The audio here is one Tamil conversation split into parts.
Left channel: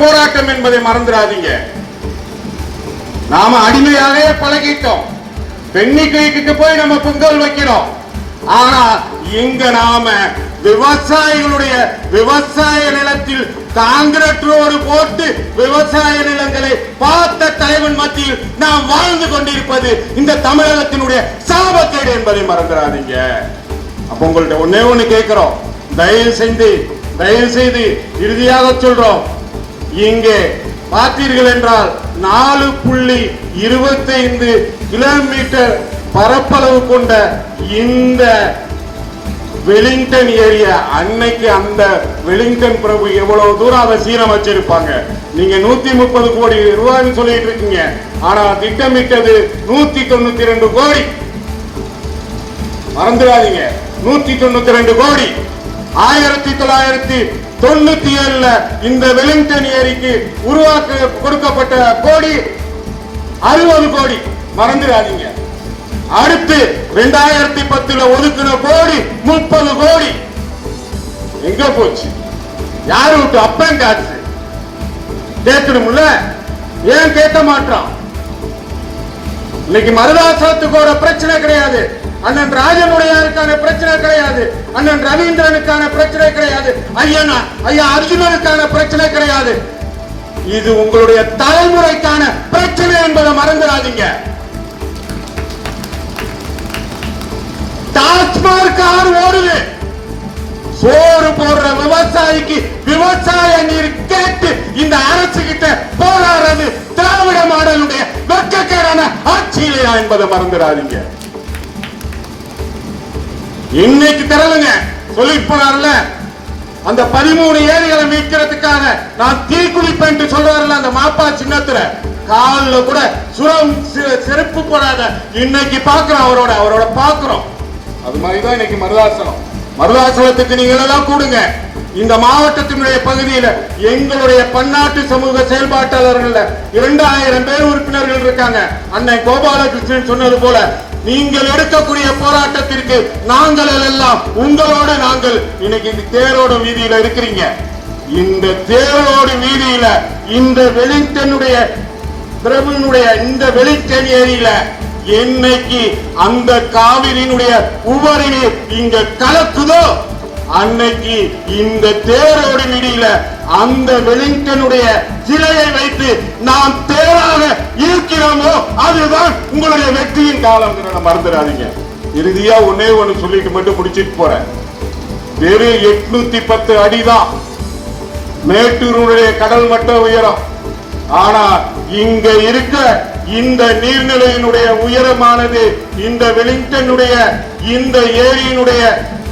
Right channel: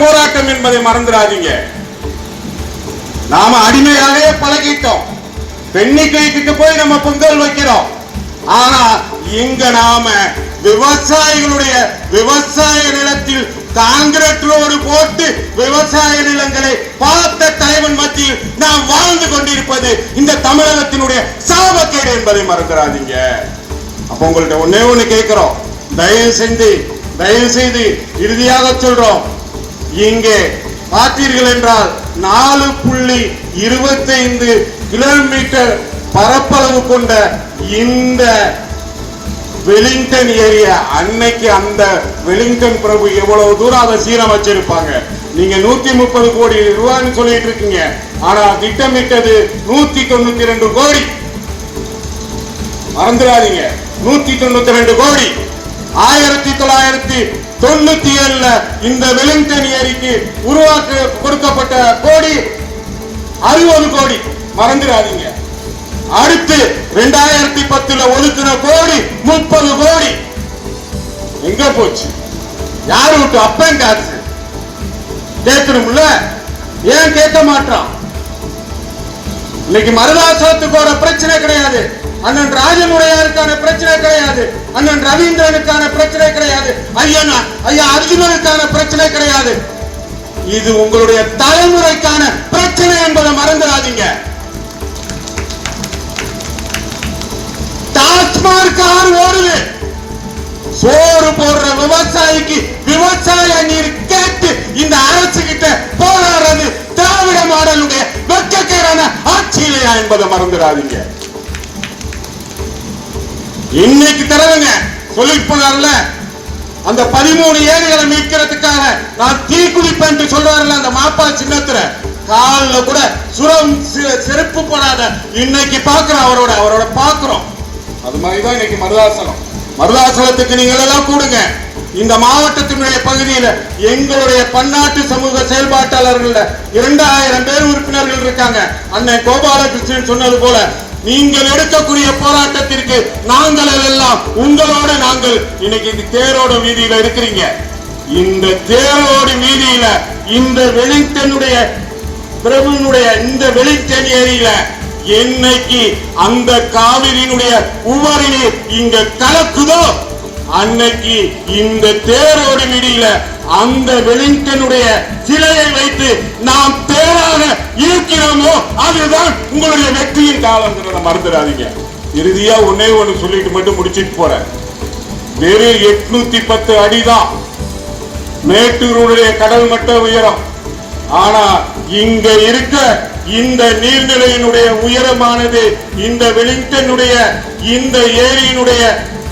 போராட்டம் என்பதை மறந்துடாதீங்க. நாம அடிமையாகவே பழகிட்டோம். பெண்ணிக்கு போய் நம்ம பொங்கல் வைக்கிறோம். ஆனா இங்க நாம விவசாயிகளுடைய விவசாய நிலத்தில் காங்கிரட் ரோடு போட்டு விவசாய நிலங்களை பார்த்த தலைவன் மத்தியில் நாம் வாழ்ந்து கொண்டிருப்பது இந்த தமிழகத்தினுடைய சாபக்கேடு என்பதை மறந்துடாதீங்க. அப்ப உங்கள்ட்ட ஒன்னே ஒண்ணு கேட்கிறோம். தயவு செய்து இறுதியாக சொல்றோம். இங்கே பார்த்தீர்கள் என்றால் 4.25 கிலோமீட்டர் பரப்பளவு கொண்ட இந்த வெலிங்டன் ஏரியா, அன்னைக்கு அந்த வெலிங்டன் பிரபு எவ்வளவு தூரம் அதை சீரமைச்சிருப்பாங்க. நீங்க 130 கோடி ரூபாய்னு சொல்லிட்டு இருக்கீங்க. ஆனா திட்டமிட்டது 192 கோடி. மறந்துடாதீங்க, 192 கோடி. 1997 இந்த வெலிங்டன் ஏரிக்கு உருவாக்க கொடுக்கப்பட்ட கோடி 60 கோடி. மறந்துடாதீங்க. அடுத்து 2010 ஒதுக்கின கோடி 30 கோடி எங்க போச்சு? யாரு விட்டு அப்பன் காசு கேட்கணும்ல? ஏன் கேட்க மாட்டான்? இன்னைக்கு மருதாசலத்துக்கு ஒரு பிரச்சனை கிடையாது. அண்ணன் ராஜமுடையாருக்கான பிரச்சனை கிடையாது. அண்ணன் ரவீந்திரனுக்கான பிரச்சனை கிடையாது. ஐயா அர்ஜுனனுக்கான பிரச்சனை கிடையாது. இது உங்களுடைய தலைமுறைக்கான பிரச்சனை என்பதை மறந்துடாதீங்க. டாஸ்மார்க் ஆறு ஓடுது. சோறு போடுற விவசாயிக்கு விவசாய நீர் கேட்டு இந்த அரசு கிட்ட போராடுறது திராவிட மாடலுடைய வெட்கக்கேடான ஆட்சியிலையா என்பதை மறந்துடாதீங்க. இன்னைக்கு தரவுங்க சொல்லிட்டு போனார்ல, அந்த 13 ஏரிகளை மீட்கிறதுக்காக நான் தீக்குளிப்பேன் என்று சொல்றாருல அந்த மாப்பா சின்னத்துல, காலில் கூட சுரம் செருப்பு போடாத இன்னைக்கு பாக்குறோம். அவரோட பாக்குறோம். அது மாதிரிதான் இன்னைக்கு மருதாசலத்துக்கு நீங்க எல்லாம் கூடுங்க. இந்த மாவட்டத்தினுடைய பகுதியில் எங்களுடைய பன்னாட்டு சமூக செயல்பாட்டாளர்கள் 2000 பேர் உறுப்பினர்கள் இருக்காங்க. அண்ணன் கோபாலகிருஷ்ணன் சொன்னது போல நீங்கள் எடுக்கக்கூடிய போராட்டத்திற்கு நாங்கள் எல்லாம் உங்களோடு நாங்கள் இன்னைக்கு தேரோட வீதியில இருக்கிறீங்க. இந்த தேரோடு வீதியில இந்த வெலிங்டனுடைய பிரபுனுடைய இந்த வெலிங்டன் ஏரியில என்னைக்கு அந்த காவிரியினுடைய உபரி நீர் இங்க கலக்குதோ அன்னைக்கு இந்த தேரோடு வீதியில அந்த வெலிங்டனுடைய சிலையை வைத்து நாம் தேராக இருக்கிறோமோ அதுதான் உங்களுடைய வெற்றியின் காலம். மறந்துடாதீங்க. இறுதியா ஒன்னே ஒண்ணு சொல்லிட்டு மட்டும் முடிச்சிட்டு போறேன். வெறும் 810 அடிதான் மேட்டூருடைய கடல் மட்ட உயரம். ஆனா இங்க இருக்க இந்த நீர்நிலையினுடைய உயரமானது இந்த வெலிங்டனுடைய இந்த ஏரியினுடைய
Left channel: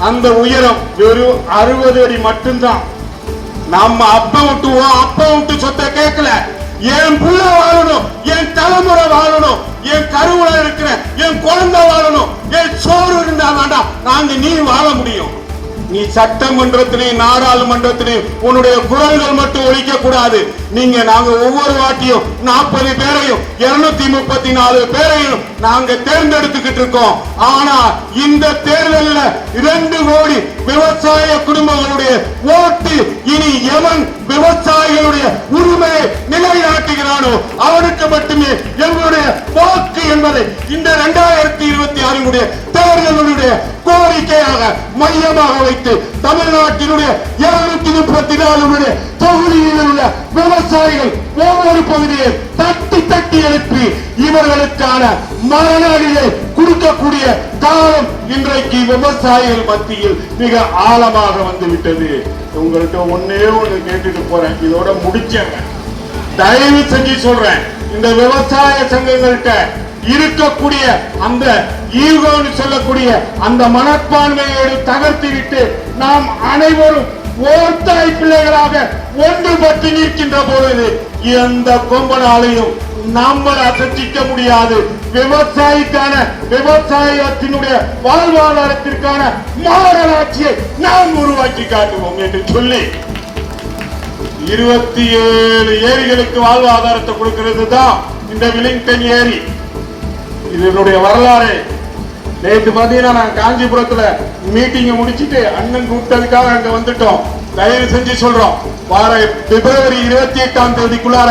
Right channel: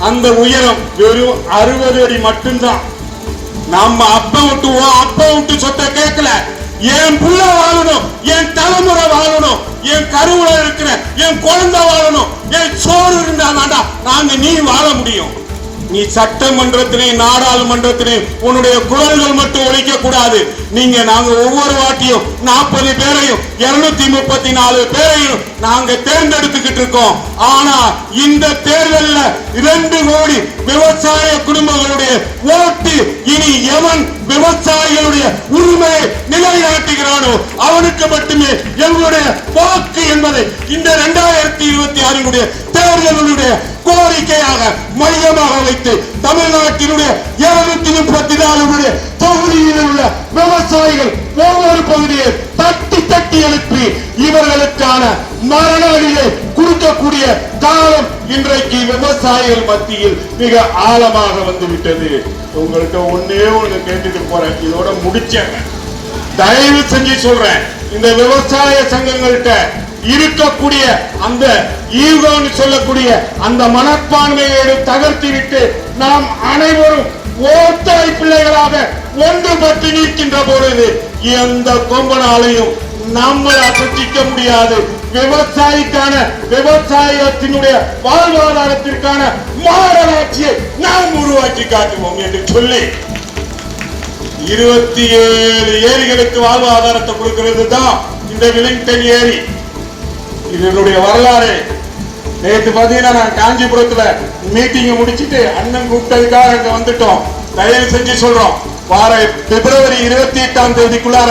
அந்த உயரம் வெறும் 60 அடி மட்டும்தான். நம்ம அப்ப விட்டு சொத்தை கேட்கல. என் புள்ள வாழணும், என் தலைமுறை வாழணும், என் கருவுல இருக்கிற என் குழந்தை வாழணும், என் சோறு இருந்தா வேண்டாம் நாங்க நீ வாழ முடியும். நீ சட்டமன்றத்திலையும் நாடாளுமன்றத்திலையும் உன்னுடைய குரல்கள் மட்டும் ஒழிக்க கூடாது. நாங்க ஒவ்வொரு வாட்டியும் 40 பேரையும் 234 பேரையும் நாங்க தேர்ந்தெடுத்துக்கிட்டு இருக்கோம். ஆனா இந்த தேர்தலில் 2 கோடி விவசாய குடும்பங்களுடைய ஓட்டு இனி எவன் விவசாயிகளுடைய உரிமையை நிலைநாட்டுகிறானோ அவனுக்கு மட்டுமே எங்களுடைய போக்கு என்பதை இந்த 2026 தேர்தலுடைய கோரிக்கையாக மையமாக வைத்து தமிழ்நாட்டினுடைய 234 தொகுதியில் உள்ள விவசாயிகள் ஒவ்வொரு பகுதியை தட்டி எழுப்பி இவர்களுக்கான மரணாடியை கொடுக்கக்கூடிய காலம் இன்றைக்கு விவசாயிகள் மத்தியில் மிக ஆழமாக வந்துவிட்டது. உங்களுக்கு ஒன்னே ஒண்ணு கேட்டுட்டு போறேன், இதோட முடிச்சேன். தயவு செஞ்சு சொல்றேன், இந்த விவசாய சங்கங்கள்கிட்ட இருக்கக்கூடிய அந்த ஈகோன்னு சொல்லக்கூடிய அந்த மனப்பான்மையை தகர்த்திவிட்டு நாம் அனைவரும் ஓட்டாய் பிள்ளைகளாக ஒன்றுபட்டு நிற்கின்ற பொழுது எந்த கொம்பனாலையும் நம்மை அசைக்க முடியாது. விவசாயத்தினுடைய வாழ்வாதாரத்திற்கான மாநகராட்சியை நாம் உருவாக்கி காட்டுவோம் என்று சொல்லி 27 ஏரிகளுக்கு வாழ்வாதாரத்தை கொடுக்கிறது தான் இந்த வெலிங்டன் ஏரி. இதனுடைய வரலாறு நேற்று பாத்தீங்கன்னா நான் காஞ்சிபுரத்துல மீட்டிங் முடிச்சிட்டு அண்ணன் கூப்பிட்டதுக்காக அங்க வந்துட்டோம். தயவு செஞ்சு சொல்றோம், வார பிப்ரவரி 28ஆம் தேதிக்குள்ளார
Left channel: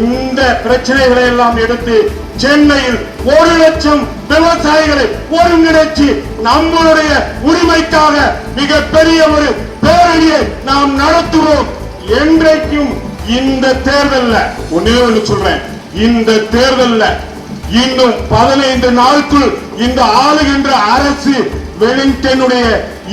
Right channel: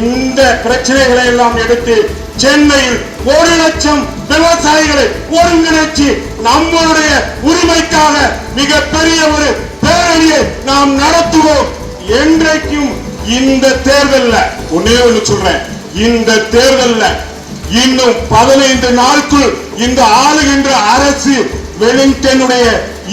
இந்த பிரச்சனைகளை எல்லாம் எடுத்து சென்னையில் 1 லட்சம் விவசாயிகளை ஒருங்கிணைச்சு நம்மளுடைய உரிமைக்காக மிகப்பெரிய ஒரு பேரணியை நாம் நடத்துவோம். என்றைக்கும் இந்த தேர்தல்ல ஒன்னே ஒன்று சொல்றேன், இந்த தேர்தல்ல இன்னும் 15 நாட்கள் இந்த ஆளுகின்ற அரசு வெலிங்டனுடைய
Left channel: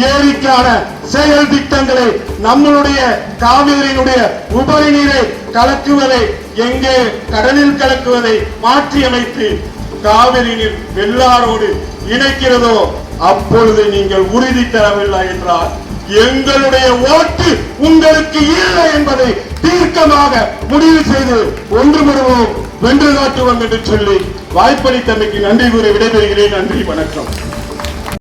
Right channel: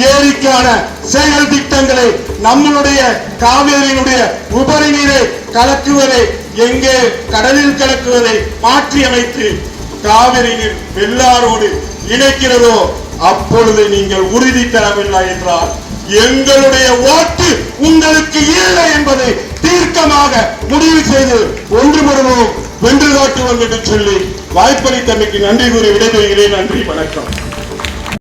ஏரிக்கான செயல் திட்டங்களை, நம்மளுடைய காவேரியினுடைய உபரி நீரை கலக்குவதை, எங்கே கடலில் கலக்குவதை மாற்றி அமைத்து காவிரி நீர் வெள்ளாரோடு இணைக்கிறதோ அப்பொழுது நீங்கள் உறுதி தரவில்லை என்றால் எங்களுடைய ஓட்டு உங்களுக்கு இல்லை என்பதை தீர்க்கமாக முடிவு செய்து ஒன்றுபடுவோம், வென்று காட்டுவோம் என்று சொல்லி வாய்ப்பளித்தமைக்கு நன்றி கூறி விடைபெறுகிறேன். நன்றி, வணக்கம்.